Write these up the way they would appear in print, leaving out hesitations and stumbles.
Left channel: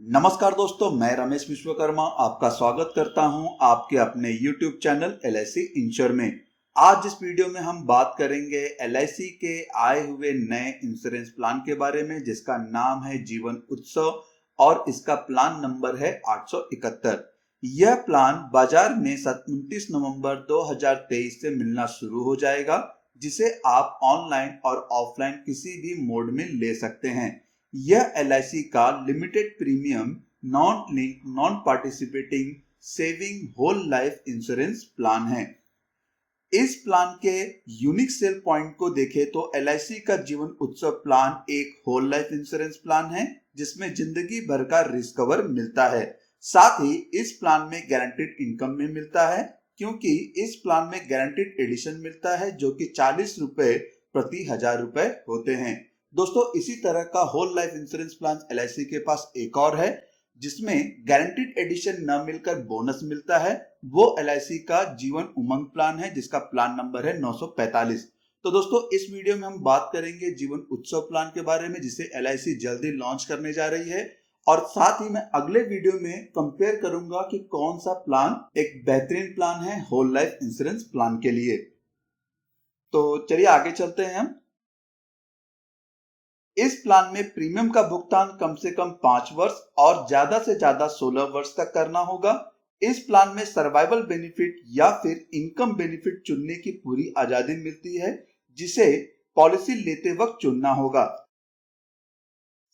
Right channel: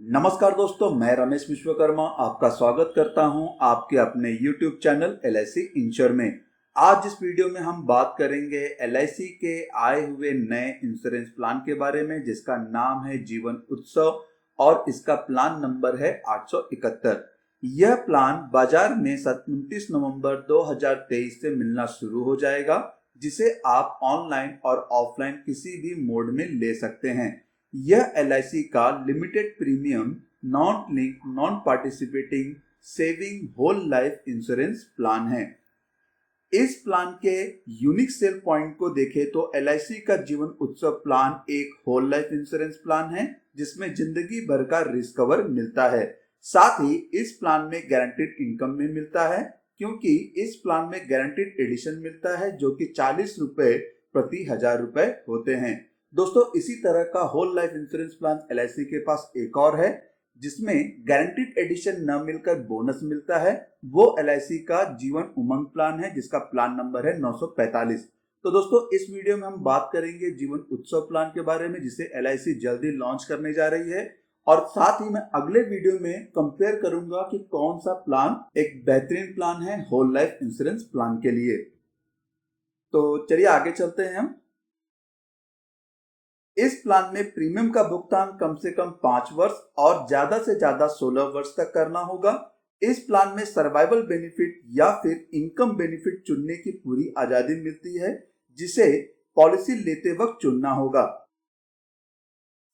नमस्कार दोस्तों, मैं रमेश विश्वकर्मा आपका स्वागत करता हूं आपके अपने YouTube चैनल LIC इंश्योर में। आज इस वीडियो में हम बात करेंगे LIC के आए हुए नए इंश्योरेंस प्लान के बारे में, जिसका नाम है जीवन उत्सव और इसका प्लान नंबर है 871। यह प्लान बाजार में 29 नवंबर 2023 से मिलना शुरू हो जाएगा, जिसे आप ऑनलाइन और ऑफलाइन किसी भी मोड में ले सकते हैं। यह LIC का limited premium non link non participating saving whole life insurance plan है। इस प्लान के यूनिक सेल पॉइंट को देखें तो LIC का जीवन उत्सव प्लान एक होल लाइफ इंश्योरेंस प्लान है, जिसमें जिंदगी भर का रिस्क कवर मिलता है। साथ ही इस प्लान में गारंटीड इनकम में मिलता है, क्योंकि इस प्लान में गारंटीड एडिशन मिलता है जो कि 40 रुपए प्रति 1000 रुपए होते हैं। दोस्तों, इसी तरह का whole life insurance plan LIC के पास एक और है, जिसमें गारंटीड एडिशन न मिलकर बोनस मिलता है। वो LIC का जीवन उमंग प्लान है, जिसका प्लान नंबर है 945। तो दोस्तों, इस वीडियो में हम बात करेंगे जीवन उत्सव प्लान के बारे में, जिसे LIC जल्दी लॉन्च करने जा रही है। और साथ ही मैं अगले वीडियो में कंपेयर करूंगा कि कौन सा प्लान एक बेहतरीन प्लान है होल लाइफ इंश्योरेंस प्लान के लिए। तो चलिए आगे चलते हैं हम। इस प्लान में प्रीमियम का भुगतान कम से कम 5 वर्ष और ज्यादा से ज्यादा 16 वर्ष तक करना होगा। इस प्लान में सर्वाइवल बेनिफिट या फिर इनकम बेनिफिट चुनने की पूरी आजादी मिलती है, जिसे पॉलिसी लेते वक्त चुनना होगा।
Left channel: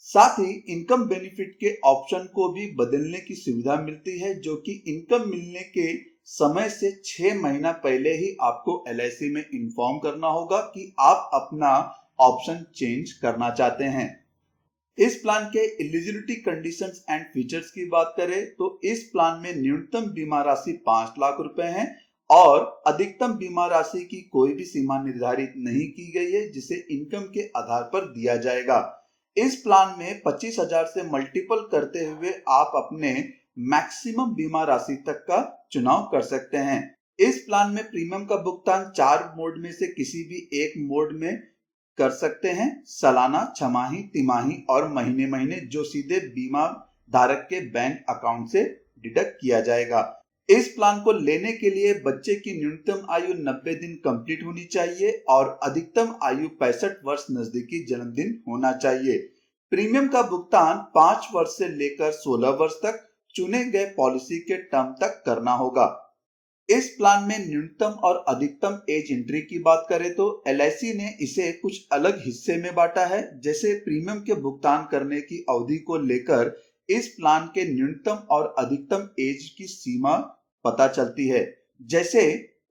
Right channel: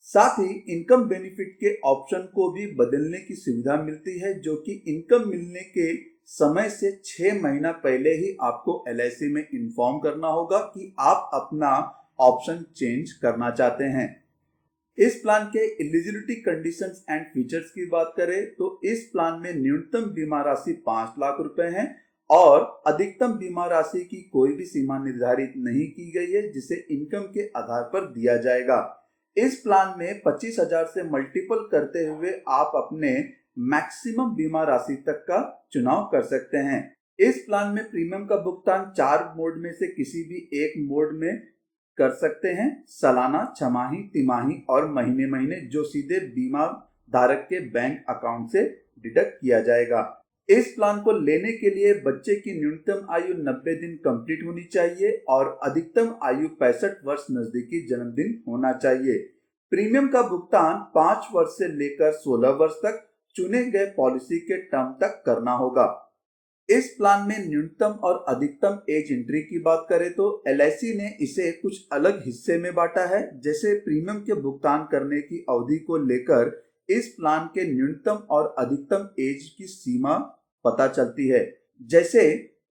साथ ही इनकम बेनिफिट के ऑप्शन को भी बदलने की सुविधा मिलती है, जो कि इनकम मिलने के समय से 6 महीना पहले ही आपको LIC में इन्फॉर्म करना होगा कि आप अपना ऑप्शन चेंज करना चाहते हैं। इस प्लान के एलिजिबिलिटी कंडीशंस एंड फीचर्स की बात करें तो इस प्लान में न्यूनतम बीमा राशि 5 लाख रुपए है और अधिकतम बीमा राशि की कोई भी सीमा निर्धारित नहीं की गई है, जिसे इनकम के आधार पर दिया जाएगा। इस प्लान में 25,000 से मल्टीपल करते हुए आप अपने मैक्सिमम बीमा राशि तक का चुनाव कर सकते हैं। इस प्लान में प्रीमियम का भुगतान 4 मोड में से किसी भी एक मोड में कर सकते हैं: सालाना, छमाही, तिमाही और महीने महीने, जो सीधे बीमा धारक के बैंक अकाउंट से डिडक्ट किया जाएगा। इस प्लान को लेने के लिए बच्चे की न्यूनतम आयु 90 दिन कंप्लीट होनी चाहिए और अधिकतम आयु 65 वर्ष नजदीकी जन्मदिन होना चाहिए। प्रीमियम का भुगतान 5 वर्ष से लेकर 16 वर्ष तक चुने गए पॉलिसी के टर्म तक करना होगा। इस प्लान में न्यूनतम और अधिकतम एज एंट्री की बात करें तो LIC ने इसे कुछ अलग हिस्से में बांटा है। जैसे प्रीमियम के भुगतान करने की अवधि को लेकर इस प्लान के न्यूनतम और अधिकतम एज की सीमा पता चलती है। जैसे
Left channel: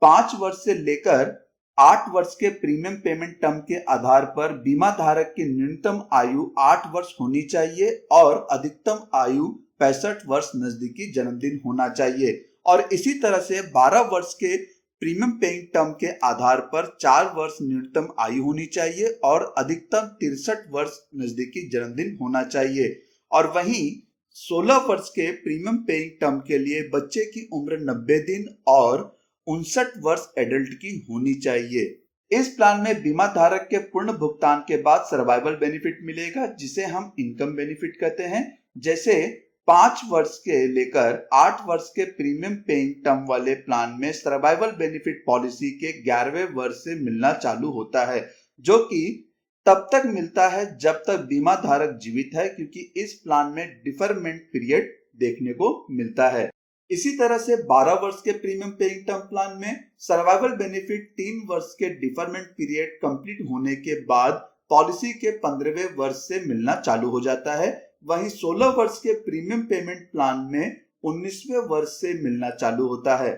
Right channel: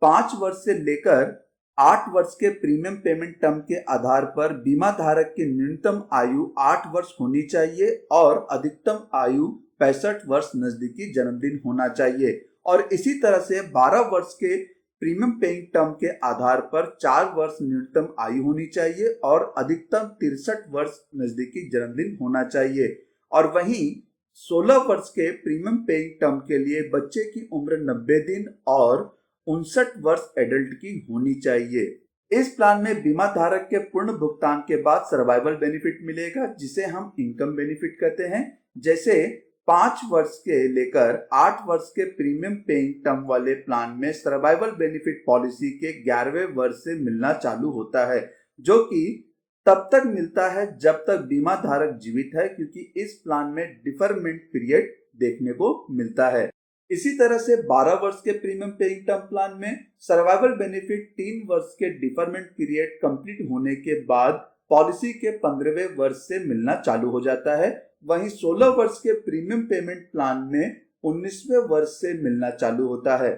5 वर्ष से लेकर 8 वर्ष के प्रीमियम पेमेंट टर्म के आधार पर बीमा धारक की न्यूनतम आयु 8 वर्ष होनी चाहिए और अधिकतम आयु 65 वर्ष नजदीकी जन्मदिन होना चाहिए। और इसी तरह से 12 वर्ष के प्रीमियम पेइंग टर्म के आधार पर 4 वर्ष न्यूनतम आयु होनी चाहिए और अधिकतम 63 वर्ष नजदीकी जन्मदिन होना चाहिए। और वहीं 16 वर्ष के प्रीमियम पेइंग टर्म के लिए बच्चे की उम्र 90 दिन और 59 वर्ष एडल्ट की होनी चाहिए। इस प्लान में बीमा धारक के पूर्ण भुगतान के बाद सर्वाइवल बेनिफिट मिलेगा, जिसे हम इनकम बेनिफिट कहते हैं। जैसे 5 वर्ष के लेकर 8 वर्ष के प्रीमियम पेइंग टर्म वाले प्लान में सर्वाइवल बेनिफिट पॉलिसी के 11वें वर्ष से मिलना चालू होता है, जो कि तब तक मिलता है जब तक बीमा धारक जीवित है, क्योंकि इस प्लान में डिफरमेंट पीरियड देखने को मिलता है। इसी तरह से 12 वर्ष के प्रीमियम पेइंग टर्म प्लान में सर्वाइवल बेनिफिट 3 वर्ष के डिफरमेंट पीरियड कंप्लीट होने के बाद पॉलिसी के 15वें वर्ष से मिलना चालू हो जाता है। वहीं 16 वर्ष के प्रीमियम पेमेंट प्लान में 19वें वर्ष से मिलना चालू होता है।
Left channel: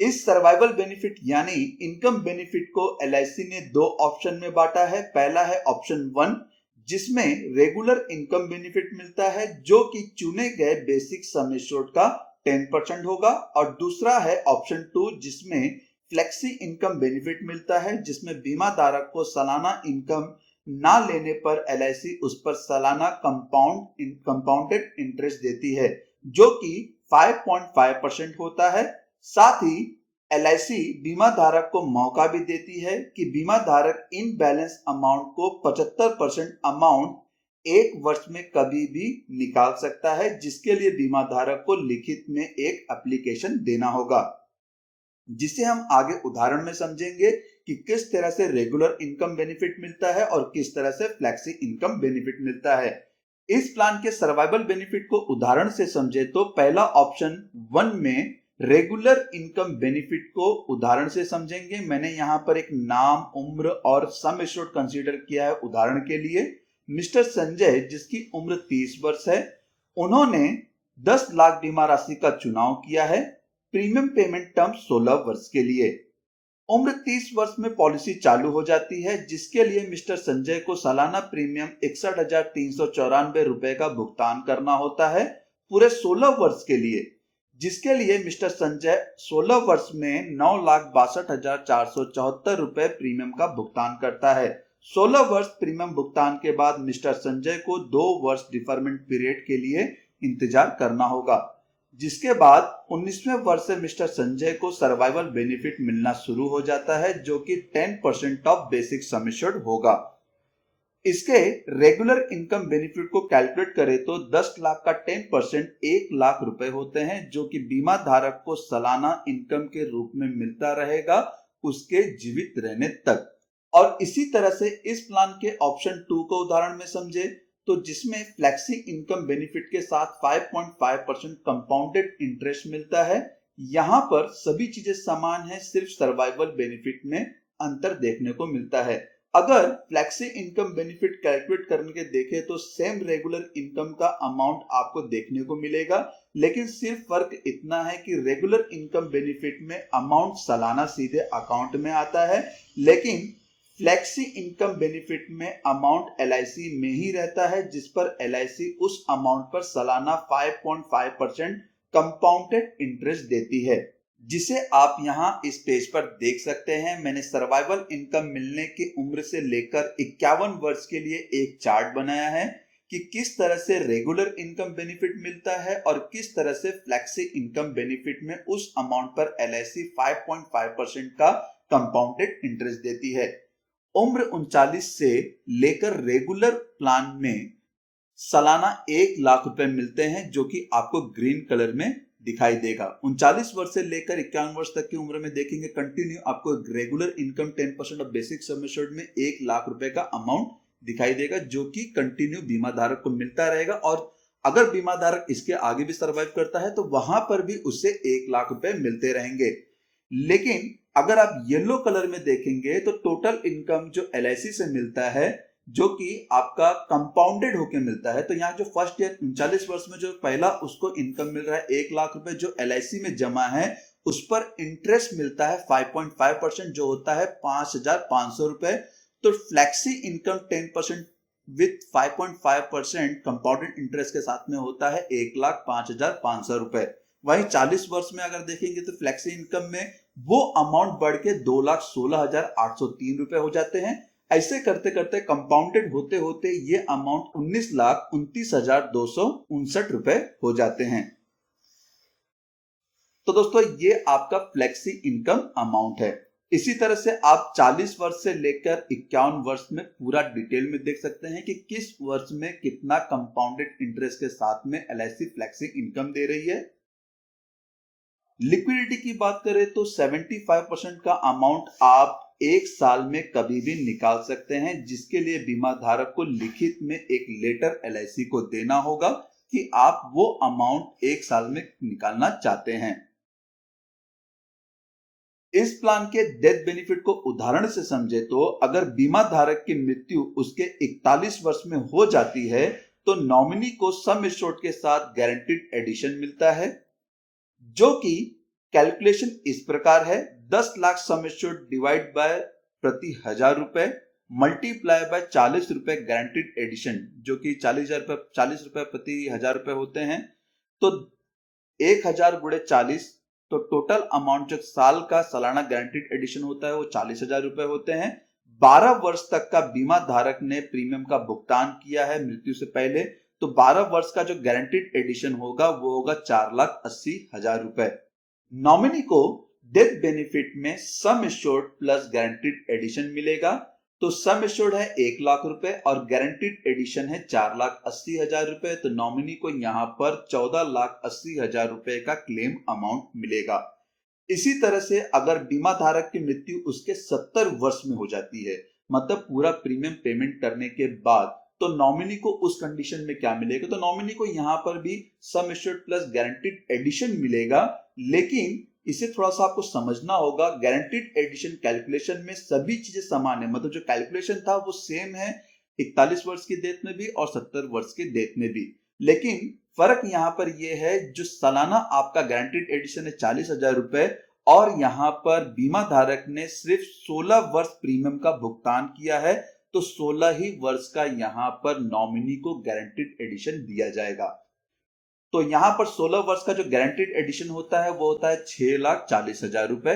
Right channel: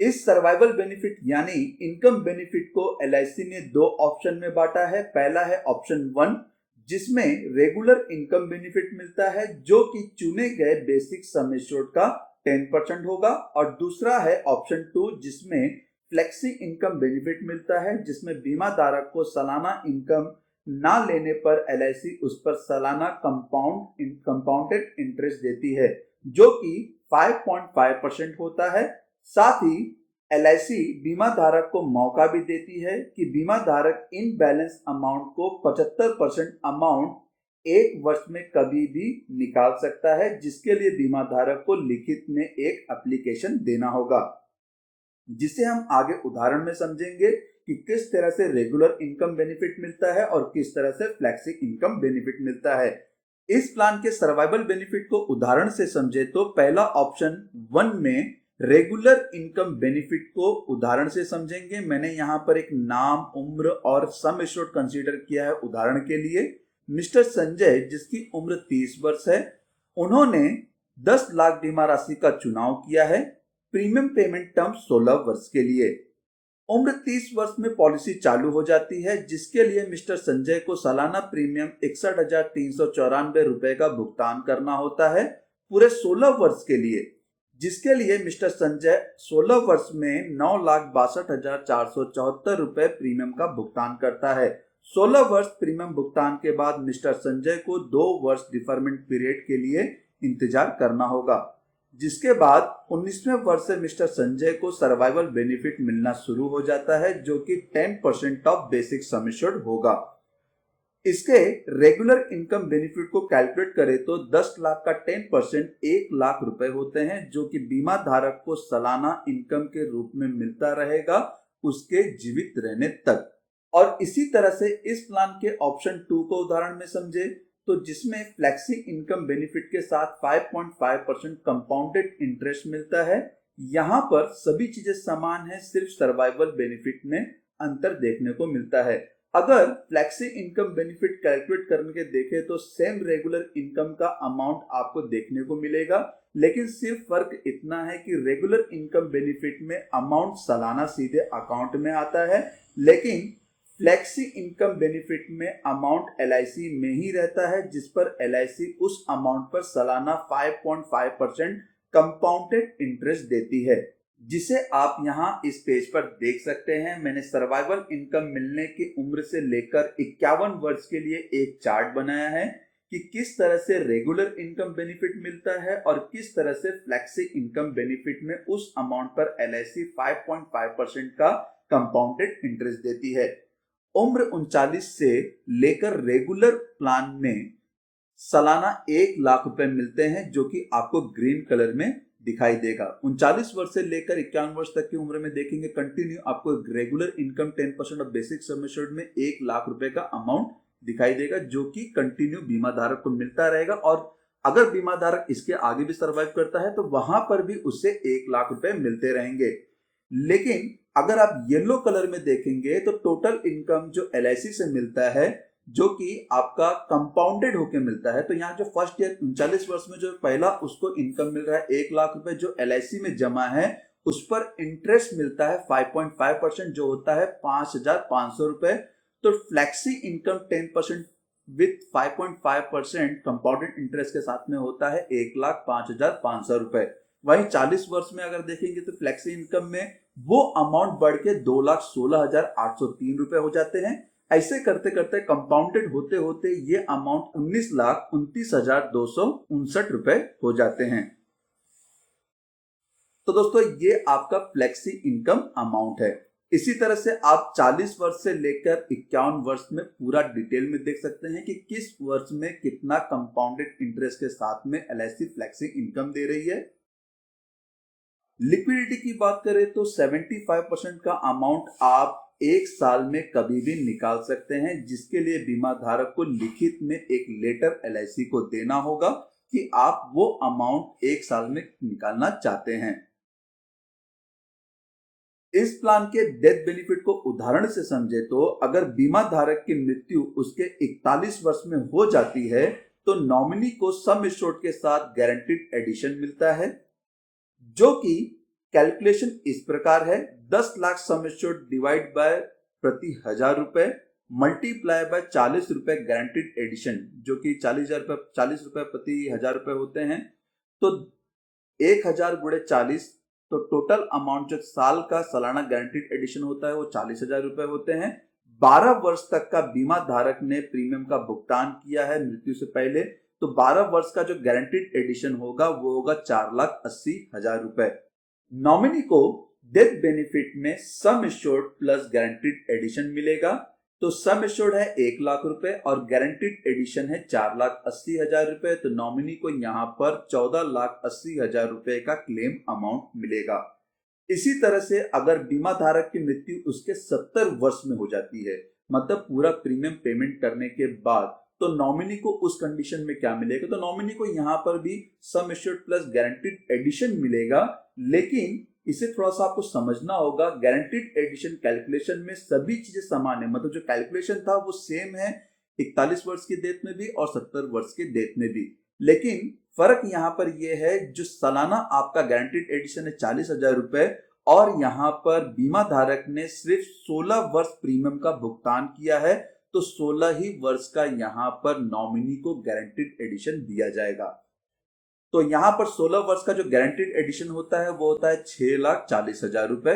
इस सर्वाइवल बेनिफिट यानी इनकम बेनिफिट को LIC ने 2 ऑप्शन में बांटा है। पहला है ऑप्शन 1, जिसमें रेगुलर इनकम बेनिफिट मिलता है, जो कि चुने गए बेसिक सम एश्योर्ड का 10% होगा। और दूसरा है ऑप्शन 2, जिसमें फ्लेक्सी इनकम बेनिफिट मिलता है, जिसमें बीमा धारक को सालाना इनकम ना लेने पर LIC उस पर सालाना कंपाउंडेड इंटरेस्ट देती है, जो कि 5.5% होता है। साथ ही LIC बीमा धारक को मौका भी देती है कि बीमा धारक इन बैलेंस अमाउंट को 75% अमाउंट 1 वर्ष में कभी भी निकाल सकता है, जिसके लिए बीमा धारक को लिखित में एक एप्लीकेशन देना होगा, जिसे हम आगे उदाहरण में समझेंगे कि किस तरह से रेगुलर इनकम बेनिफिट मिलता है और किस तरह से फ्लेक्सी इनकम बेनिफिट मिलता है। इस प्लान के सर्वाइवल बेनिफिट को उदाहरण से समझे तो पहला ऑप्शन 1 में रेगुलर इनकम बेनिफिट को उदाहरण से समझेंगे। मैंने यहाँ पर एक नाम, उम्र और सम एश्योर्ड कंसीडर किया है उदाहरण के लिए। मिस्टर संजय, जिसकी उम्र 30 वर्ष है, उन्होंने 10 लाख बीमा राशि का चुनाव किया है। प्रीमियम पेमेंट टर्म 16 वर्ष के लिए। उम्र 30 वर्ष में पॉलिसी चालू हो जाती है, जिसके लिए मिस्टर संजय को सालाना प्रीमियम 61,394 रुपए का भुगतान करना होता है पूरे 16 वर्ष के लिए, जिसके लिए मिस्टर संजय 16 वर्ष में 9,62,474 रुपए प्रीमियम का भुगतान करता है। 16 वर्ष प्रीमियम भुगतान के बाद मिस्टर संजय को 2 वर्ष डिफरमेंट पीरियड के लिए इंतजार करना होगा, जिसके बाद 19वें वर्ष से मिस्टर संजय को सर्वाइवल बेनिफिट मिलना शुरू हो जाता है, जो कि 10% ऑफ बेसिक सम एश्योर्ड होगा। इसके रेगुलर इनकम बेनिफिट को कैलकुलेट करें तो 10 लाख का 10% 1 लाख रुपए होते हैं, जो कि बीमा धारक को सालाना इनकम के रूप में मिलता रहेगा उसके जीवित रहने तक। और इसी तरह से इस प्लान के ऑप्शन 2 को उदाहरण में समझे तो जिसमें फ्लेक्सी इनकम बेनिफिट के साथ 5.5% कंपाउंडेड इंटरेस्ट मिलता है। यहां पर सभी चीजें समान है, सिर्फ सर्वाइवल बेनिफिट में अंतर देखने को मिलता है। अगर फ्लेक्सी इनकम बेनिफिट कैलकुलेट करने के देखें तो सेम रेगुलर इनकम का अमाउंट आपको देखने को मिलेगा, लेकिन सिर्फ फर्क इतना है कि रेगुलर इनकम बेनिफिट में अमाउंट सालाना सीधे अकाउंट में आता है, लेकिन फ्लेक्सी इनकम बेनिफिट में अमाउंट LIC में ही रहता है, जिस पर LIC उस अमाउंट पर सालाना 5.5% कंपाउंडेड इंटरेस्ट देती है, जिसे आप यहां इस पेज पर देख सकते हैं। मैंने सर्वाइवल इनकम मिलने की उम्र से लेकर 51 वर्ष के लिए एक चार्ट बनाया है कि किस तरह से रेगुलर इनकम बेनिफिट मिलता है और किस तरह से फ्लेक्सी इनकम बेनिफिट में उस अमाउंट पर LIC 5.5% का कंपाउंडेड इंटरेस्ट देती है। उम्र 39 से लेकर रेगुलर प्लान में सालाना 1 लाख रुपए मिलते हैं, जो कि आपको ग्रीन कलर में दिखाई देगा। 39 वर्ष से लेकर 51 वर्ष तक की उम्र में देखेंगे कंटिन्यू आपको regular income 10% of basic sum assured में 1 लाख रुपए का अमाउंट दिखाई देगा, जो कि कंटिन्यू बीमा धारक को मिलता रहेगा। और अगर बीमा धारक इसके आगे भी सर्वाइव करता है तो वहां पर भी उससे 1 लाख रुपए मिलते रहेंगे। लेकिन अगर आप येलो कलर में देखेंगे तो टोटल इनकम जो LIC से मिलता है, जो कि आपका कंपाउंडेड होके मिलता है, तो यहाँ जो फर्स्ट ईयर 39 वर्ष में जो पहला उसको इनकम मिल रहा है 1 लाख रुपए, जो LIC में जमा है उस पर इंटरेस्ट मिलता है 5.5%, जो होता है 5,500 रुपए। तो flexi income 10% with 5.5% compounded interest के साथ में होता है 1,05,500 रुपए। वहीं 40 वर्ष में अगर देखेंगे तो फ्लेक्सी इनकम में वो अमाउंट बढ़ के 2,16,803 रुपए हो जाते हैं। ऐसे करते करते कंपाउंडेड होते होते ये अमाउंट 19,29,259 रुपए हो जाते हैं। तो दोस्तों ये आपका फ्लेक्सी इनकम अमाउंट है। इसी तरह से आप 40 वर्ष से लेकर 51 वर्ष में पूरा डिटेल में देख सकते हैं कि किस वर्ष में कितना कंपाउंडेड इंटरेस्ट के साथ में LIC फ्लेक्सी इनकम दे रही है। लिक्विडिटी की बात करें तो 75% का अमाउंट आप 1 साल में कभी भी निकाल सकते हैं, जिसके लिए बीमा धारक को लिखित में एक लेटर LIC को देना होगा कि आप वो अमाउंट 1 साल में निकालना चाहते हैं। इस प्लान के डेथ बेनिफिट को उदाहरण से समझे तो अगर बीमा धारक की मृत्यु उसके 41 वर्ष में हो जाती है तो नॉमिनी को सम एश्योर्ड के साथ गारंटीड एडिशन मिलता है, जो कि कैलकुलेशन इस प्रकार है। 10 lakh sum assured divide by प्रति 1,000 रुपए मल्टीप्लाई बाय 40 रुपए गारंटीड एडिशन, जो कि 40 रुपए प्रति 1,000 रुपए होते हैं। तो 1,000 गुणे 40, तो टोटल अमाउंट जो साल का सालाना गारंटीड एडिशन होता है वो 40,000 रुपए होते हैं। 12 वर्ष तक का बीमा धारक ने प्रीमियम का भुगतान किया है मृत्यु से पहले, तो 12 वर्ष का जो गारंटीड एडिशन होगा वो होगा 4,80,000 रुपए। नॉमिनी को डेथ बेनिफिट में sum assured plus guaranteed addition मिलेगा, तो तो सम एश्योर्ड है 1 लाख रुपए और गारंटीड एडिशन है 4,80,000 रुपए। तो नॉमिनी को यहाँ पर 14,80,000 रुपए का क्लेम अमाउंट मिलेगा। इसी तरह से अगर बीमा धारक की मृत्यु उसके 70 वर्ष में हो जाती है, मतलब पूरा प्रीमियम पेमेंट करने के बाद, तो नॉमिनी को उस कंडीशन में क्या मिलेगा? तो नॉमिनी को यहाँ पर भी sum assured plus guaranteed addition मिलेगा, लेकिन इसे थोड़ा सा आपको समझना होगा। गारंटीड एडिशन कैलकुलेशन में सभी चीजें समान है, मतलब जो कैलकुलेशन था वो सेम है 41 वर्ष की डेथ में भी और 70 वर्ष की डेथ में भी, लेकिन फर्क यहाँ पर यह है जो सालाना आपका गारंटीड एडिशन है 40,000 रुपए और यहाँ पर बीमा धारक ने सिर्फ 16 वर्ष प्रीमियम का भुगतान किया है, तो 16 ही वर्ष का यहाँ पर नॉमिनी को गारंटीड एडिशन दिया जाएगा। तो यहाँ पर 16 वर्ष का जो गारंटीड एडिशन होता है वो होता है 6,40,000 रुपए।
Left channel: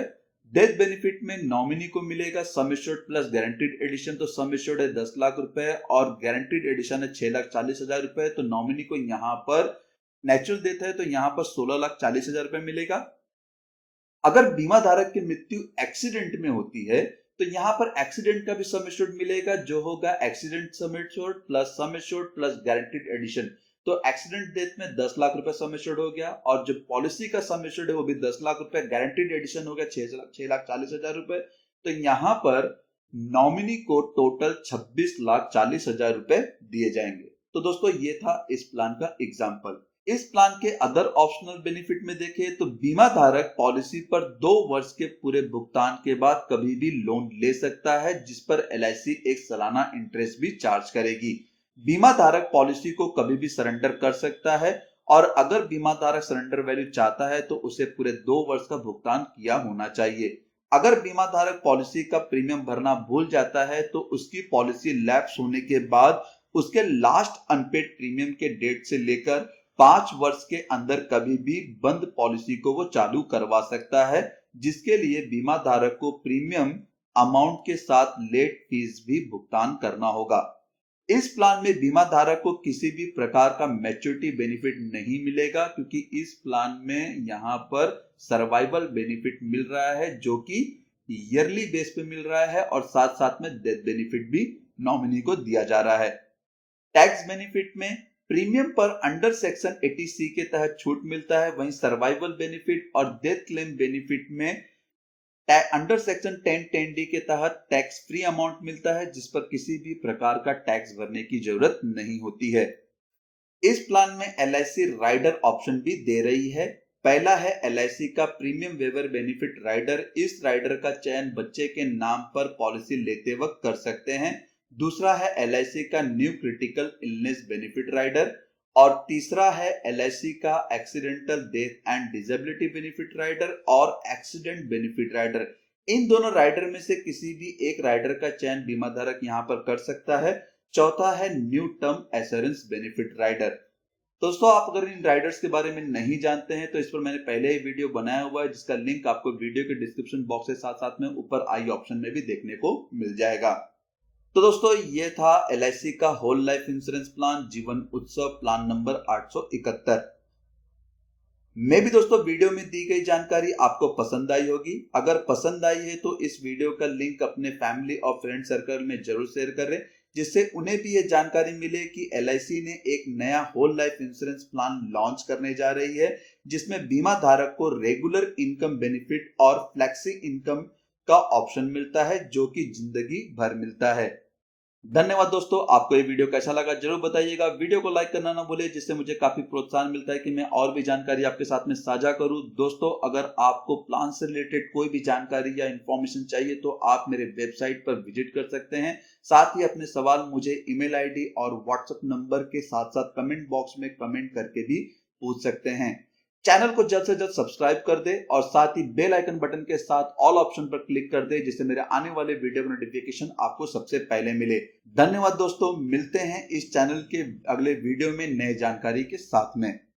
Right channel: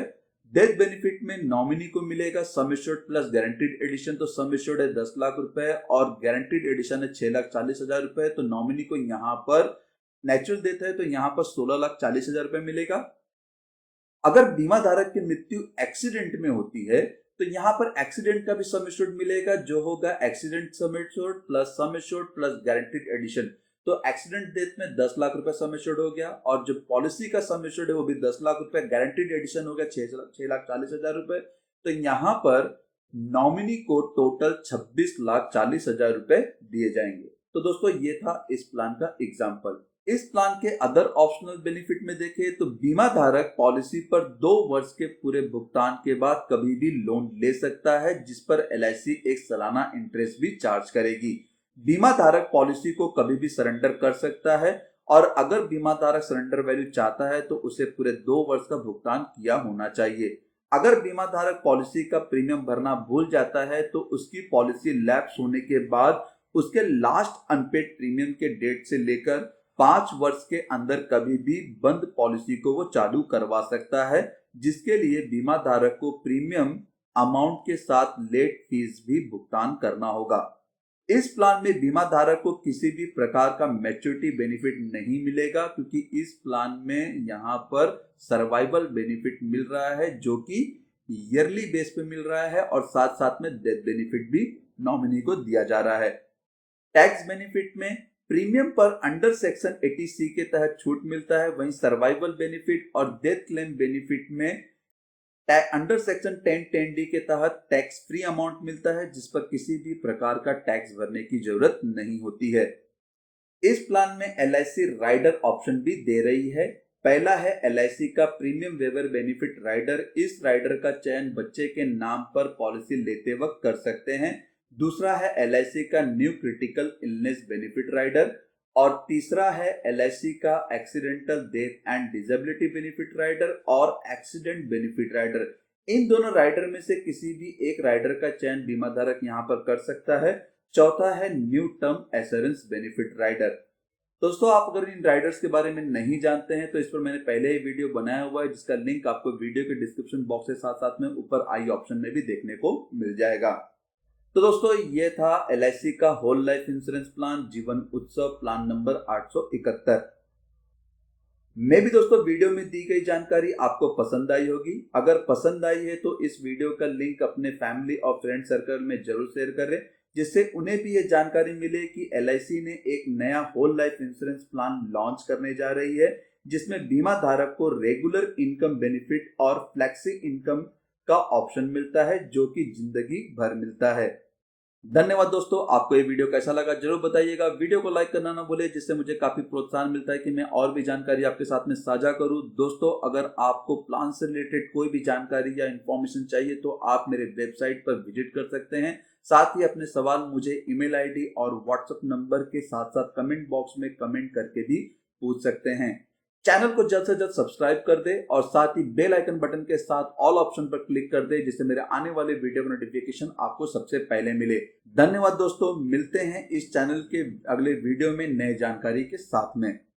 डेथ बेनिफिट में नॉमिनी को मिलेगा sum assured plus guaranteed addition, तो सम एश्योर्ड है 10 लाख रुपए और गारंटीड एडिशन है 6,40,000 रुपए। तो नॉमिनी को यहाँ पर नेचुरल डेथ है तो यहाँ पर 16,40,000 रुपए मिलेगा। अगर बीमा धारक की मृत्यु एक्सीडेंट में होती है तो यहाँ पर एक्सीडेंट का भी सम एश्योर्ड मिलेगा, जो होगा accident sum assured plus guaranteed addition. तो एक्सीडेंट डेथ में 10 लाख रुपए सम एश्योर्ड हो गया और जो पॉलिसी का सम एश्योर्ड है वो भी 10 लाख रुपए, गारंटीड एडिशन हो गया 6,40,000 रुपए। तो यहाँ पर नॉमिनी को टोटल 26,40,000 रुपए दिए जाएंगे। तो दोस्तों ये था इस प्लान का एग्जाम्पल। इस प्लान के अदर ऑप्शनल बेनिफिट में देखें तो बीमा धारक पॉलिसी पर 2 वर्ष के पूरे भुगतान के बाद कभी भी लोन ले सकता है, जिस पर LIC एक सालाना इंटरेस्ट भी चार्ज करेगी। बीमा धारक पॉलिसी को कभी भी सरेंडर कर सकता है और अगर बीमा धारक सरेंडर वैल्यू चाहता है तो उसे पूरे 2 वर्ष का भुगतान किया होना चाहिए। अगर बीमा धारक पॉलिसी का प्रीमियम भरना भूल जाता है तो उसकी पॉलिसी लैप्स होने के बाद उसके लास्ट अनपेड प्रीमियम के डेट से लेकर 5 वर्ष के अंदर कभी भी बंद पॉलिसी को वो चालू करवा सकता है, जिसके लिए बीमा धारक को प्रीमियम अमाउंट के साथ लेट फीस भी भुगतान करना होगा। इस प्लान में बीमा धारक को किसी भी प्रकार का मैच्योरिटी बेनिफिट नहीं मिलेगा, क्योंकि इस प्लान में यहाँ पर सर्वाइवल बेनिफिट मिल रहा है जो कि ईयरली बेस पे मिल रहा है और साथ साथ में डेथ बेनिफिट भी नॉमिनी को दिया जा रहा है। टैक्स बेनिफिट में प्रीमियम पर अंडर सेक्शन 80C के तहत छूट मिलता है, वहीं सर्वाइवल बेनिफिट और डेथ क्लेम बेनिफिट में अंडर सेक्शन 10(10)D के तहत टैक्स फ्री अमाउंट मिलता है, जिस पर किसी भी प्रकार का टैक्स भरने की जरूरत नहीं होती है। इस प्लान में LIC राइडर ऑप्शन भी दे रही है। पहला है LIC का प्रीमियम वेवर बेनिफिट राइडर। इस राइडर का चयन बच्चे के नाम पर पॉलिसी लेते वक्त कर सकते हैं। दूसरा है LIC का new critical illness benefit rider और तीसरा है LIC का accidental death and disability benefit rider और एक्सीडेंट बेनिफिट राइडर। इन दोनों राइडर में से किसी भी एक राइडर का चयन बीमा धारक यहाँ पर कर सकता है। चौथा है new term assurance benefit rider. दोस्तों आप अगर इन राइडर्स के बारे में नहीं जानते हैं तो इस पर मैंने पहले ही वीडियो बनाया हुआ है, जिसका लिंक आपको वीडियो के डिस्क्रिप्शन बॉक्स के साथ साथ में ऊपर आई ऑप्शन में भी देखने को मिल जाएगा। तो दोस्तों ये था LIC का होल लाइफ इंश्योरेंस प्लान जीवन उत्सव प्लान नंबर 871। मैं भी दोस्तों वीडियो में दी गई जानकारी आपको पसंद आई होगी। अगर पसंद आई है तो इस वीडियो का लिंक अपने फैमिली और फ्रेंड सर्कल में जरूर शेयर करें, जिससे उन्हें भी ये जानकारी मिले कि LIC ने एक नया whole life insurance plan launch करने जा रही है, जिसमें बीमा धारक को रेगुलर इनकम बेनिफिट और फ्लेक्सी इनकम का ऑप्शन मिलता है, जो कि जिंदगी भर मिलता है। धन्यवाद दोस्तों, आपको ये वीडियो कैसा लगा जरूर बताइएगा। वीडियो को लाइक करना ना भूले, जिससे मुझे काफी प्रोत्साहन मिलता है कि मैं और भी जानकारी आपके साथ में साझा करूं। दोस्तों अगर आपको प्लान से रिलेटेड कोई भी जानकारी या इंफॉर्मेशन चाहिए तो आप मेरे वेबसाइट पर विजिट कर सकते हैं। साथ ही अपने सवाल मुझे ईमेल ID और व्हाट्सएप नंबर के साथ साथ कमेंट बॉक्स में कमेंट करके भी पूछ सकते हैं। चैनल को जल्द से जल्द सब्सक्राइब कर दे और साथ ही बेल आइकन बटन के साथ ऑल ऑप्शन पर क्लिक कर दे, जिससे मेरे आने वाले वीडियो का नोटिफिकेशन आपको सबसे पहले मिले। धन्यवाद दोस्तों, मिलते हैं इस चैनल के अगले वीडियो में नए जानकारी के साथ में।